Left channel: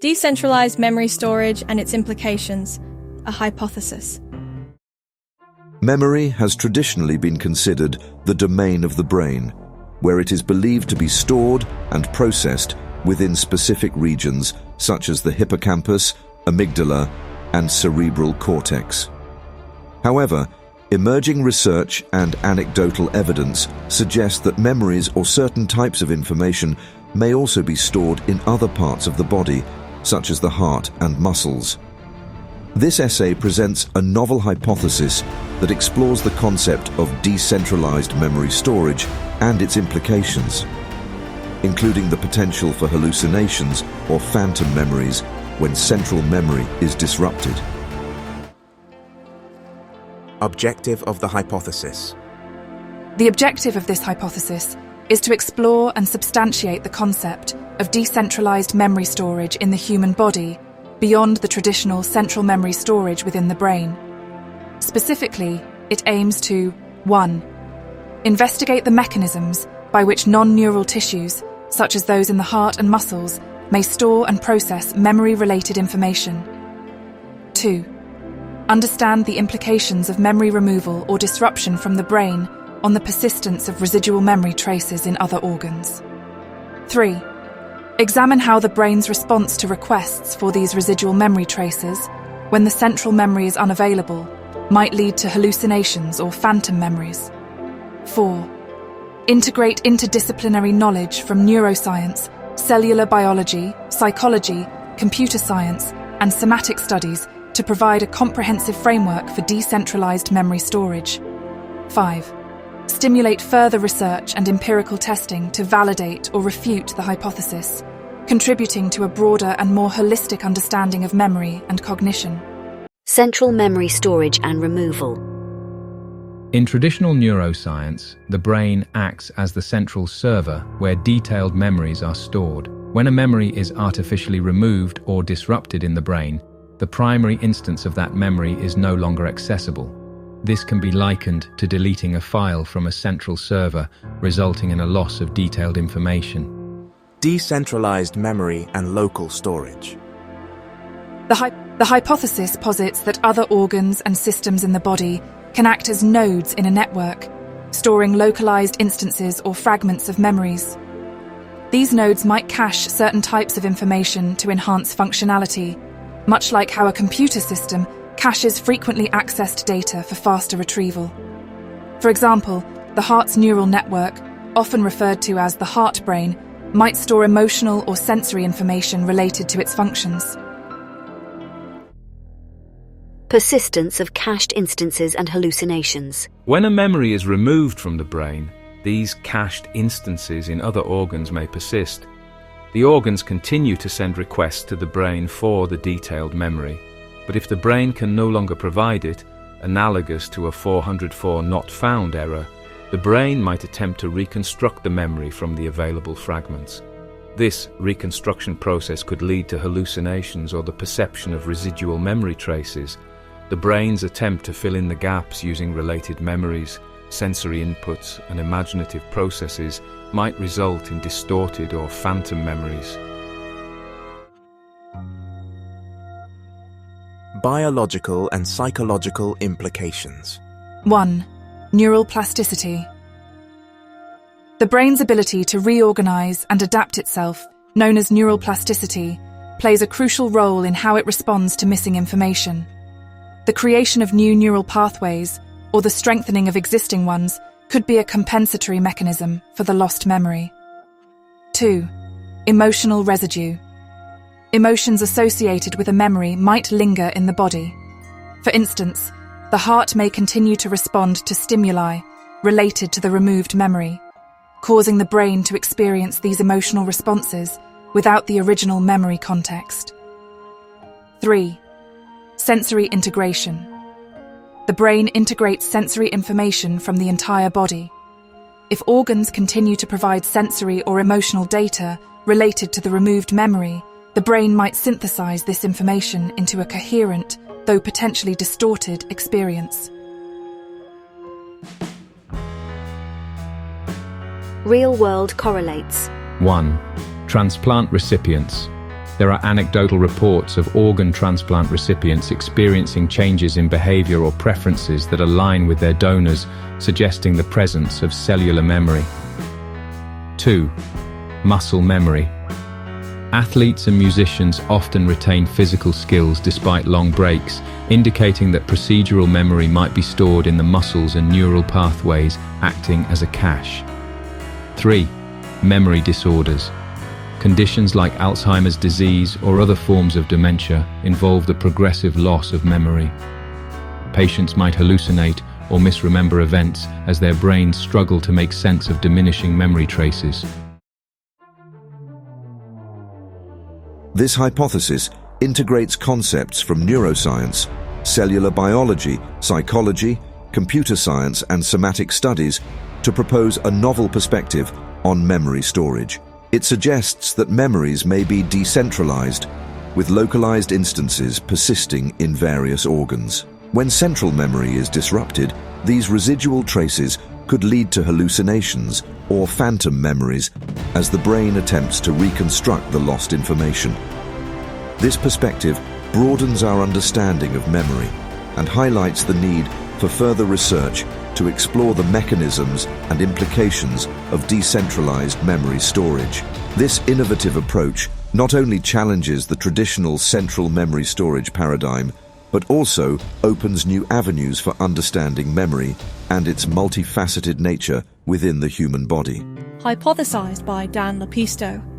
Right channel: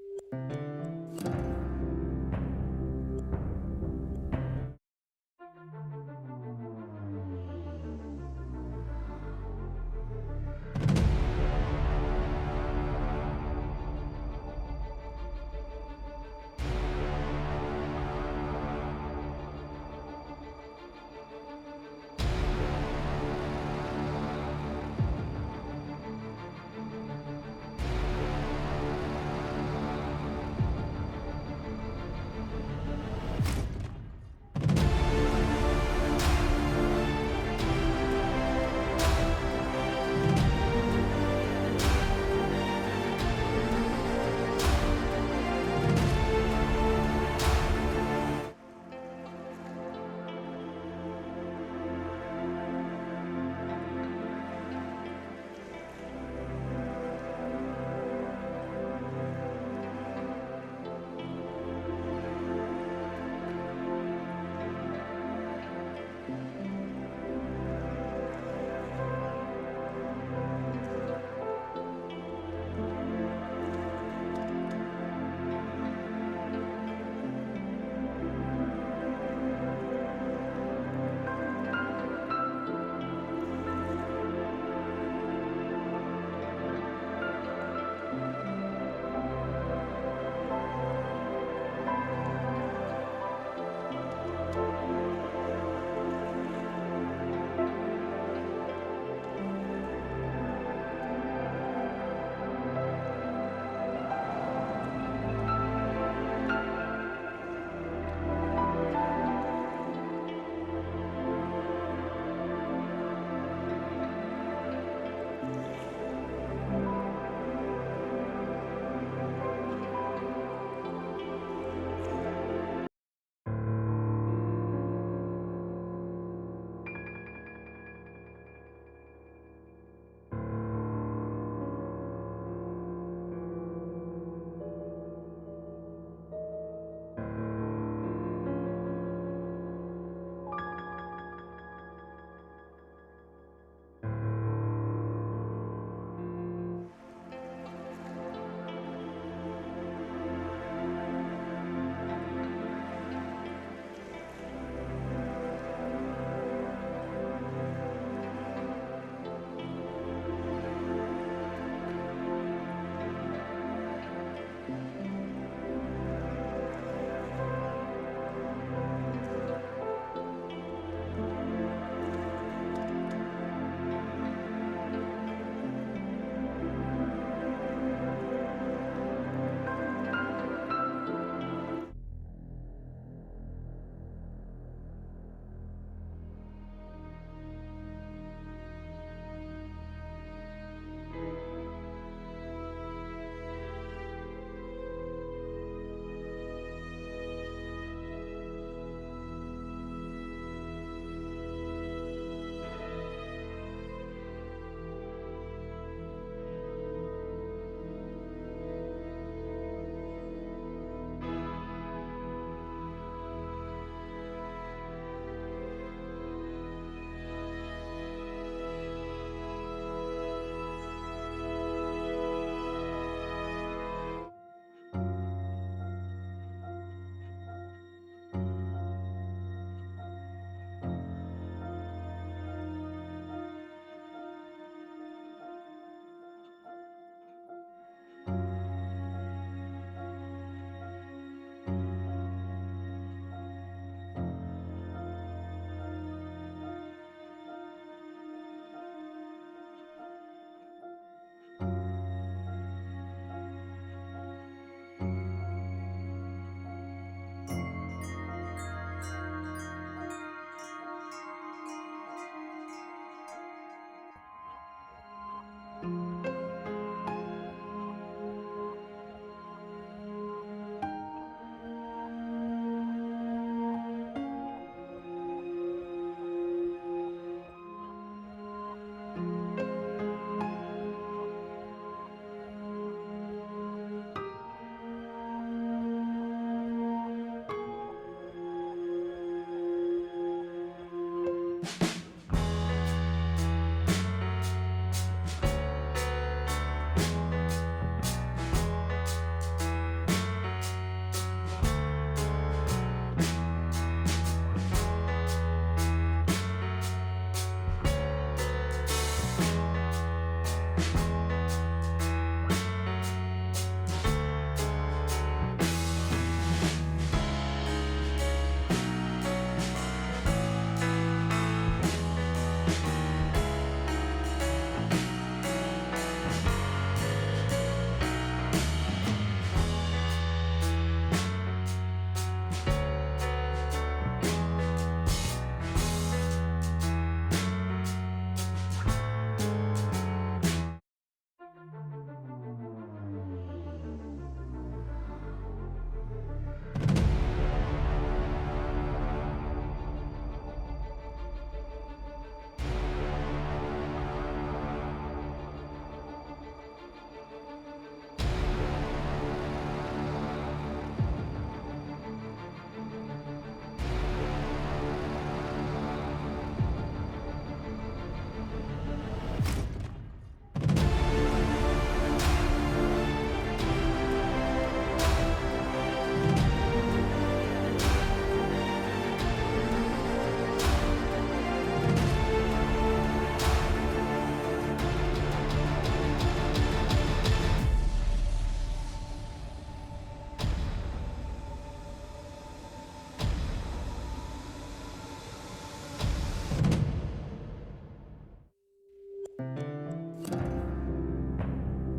Decentralized memory storage and its implications, a hypothesis. Memory has traditionally been considered the domain of the brain, where it is believed to be stored and processed within specific regions such as the hippocampus, amygdala, and cerebral cortex. However, emerging research and anecdotal evidence suggest that memories or certain types of information may also be stored in other parts of the body, such as the heart and muscles. This essay presents a novel hypothesis that explores the concept of decentralized memory storage and its implications, including the potential for hallucinations or phantom memories when central memory is disrupted. Objective of the hypothesis. The objective of this hypothesis is to explore and substantiate the concept of decentralized memory storage in the human body beyond the traditional central memory storage within the brain. Specifically, it aims to 1. Investigate the mechanisms by which non-neural tissues, such as those in the heart and muscles, may store and process memory-related information. 2. Understand the implications of memory removal or disruption from the brain on the persistence of residual memory traces in other organs. 3. Examine how the brain's response to requests for these residual memory traces, when the central memory is unavailable, might lead to hallucinations or phantom memories. 4. Integrate interdisciplinary knowledge from neuroscience, cellular biology, psychology, computer science, and somatic studies to provide a comprehensive framework for decentralized memory storage. 5. Stimulate further research and empirical testing to validate or refute the hypothesis, contributing to a broader and more holistic understanding of memory and cognition. Central memory storage and removal. In traditional neuroscience, the brain acts as the central server where detailed memories are stored. When a memory is artificially removed or disrupted in the brain, the primary instance of that memory is no longer accessible. This can be likened to deleting a file from a central server, resulting in a loss of detailed information. Decentralized memory and local storage. The hypothesis posits that other organs and systems in the body can act as nodes in a network, storing localized instances or fragments of memories. These nodes might cache certain types of information to enhance functionality, much like how a computer system caches frequently accessed data for faster retrieval. For example, the heart's neural network, often referred to as the heart brain, might store emotional or sensory information related to its functions. Persistence of cached instances and hallucinations. When a memory is removed from the brain, these cached instances in other organs may persist. The organs continue to send requests to the brain for the detailed memory, but if the brain can no longer provide it, analogous to a 404 not found error, the brain might attempt to reconstruct the memory from the available fragments. This reconstruction process could lead to hallucinations or the perception of residual memory traces. The brain's attempt to fill in the gaps using related memories, sensory inputs, and imaginative processes might result in distorted or phantom memories. Biological and psychological implications. 1. Neural plasticity. The brain's ability to reorganize and adapt itself, known as neural plasticity, plays a crucial role in how it responds to missing information. The creation of new neural pathways, or the strengthening of existing ones, could be a compensatory mechanism for the lost memory. 2. Emotional residue. Emotions associated with a memory might linger in the body. For instance, the heart may continue to respond to stimuli related to the removed memory, causing the brain to experience these emotional responses without the original memory context. 3. Sensory integration. The brain integrates sensory information from the entire body. If organs continue to provide sensory or emotional data related to the removed memory, the brain might synthesize this information into a coherent, though potentially distorted, experience. Real-world correlates. 1. Transplant recipients. There are anecdotal reports of organ transplant recipients experiencing changes in behavior or preferences that align with their donors, suggesting the presence of cellular memory. 2. Muscle memory. Athletes and musicians often retain physical skills despite long breaks, indicating that procedural memory might be stored in the muscles and neural pathways, acting as a cache. 3. Memory disorders. Conditions like Alzheimer's disease or other forms of dementia involve the progressive loss of memory. Patients might hallucinate or misremember events as their brains struggle to make sense of diminishing memory traces. This hypothesis integrates concepts from neuroscience, cellular biology, psychology, computer science, and somatic studies to propose a novel perspective on memory storage. It suggests that memories may be decentralized, with localized instances persisting in various organs. When central memory is disrupted, these residual traces could lead to hallucinations or phantom memories as the brain attempts to reconstruct the lost information. This perspective broadens our understanding of memory and highlights the need for further research to explore the mechanisms and implications of decentralized memory storage. This innovative approach not only challenges the traditional central memory storage paradigm, but also opens new avenues for understanding memory and its multifaceted nature within the human body. Hypothesized by Dan Lappisto.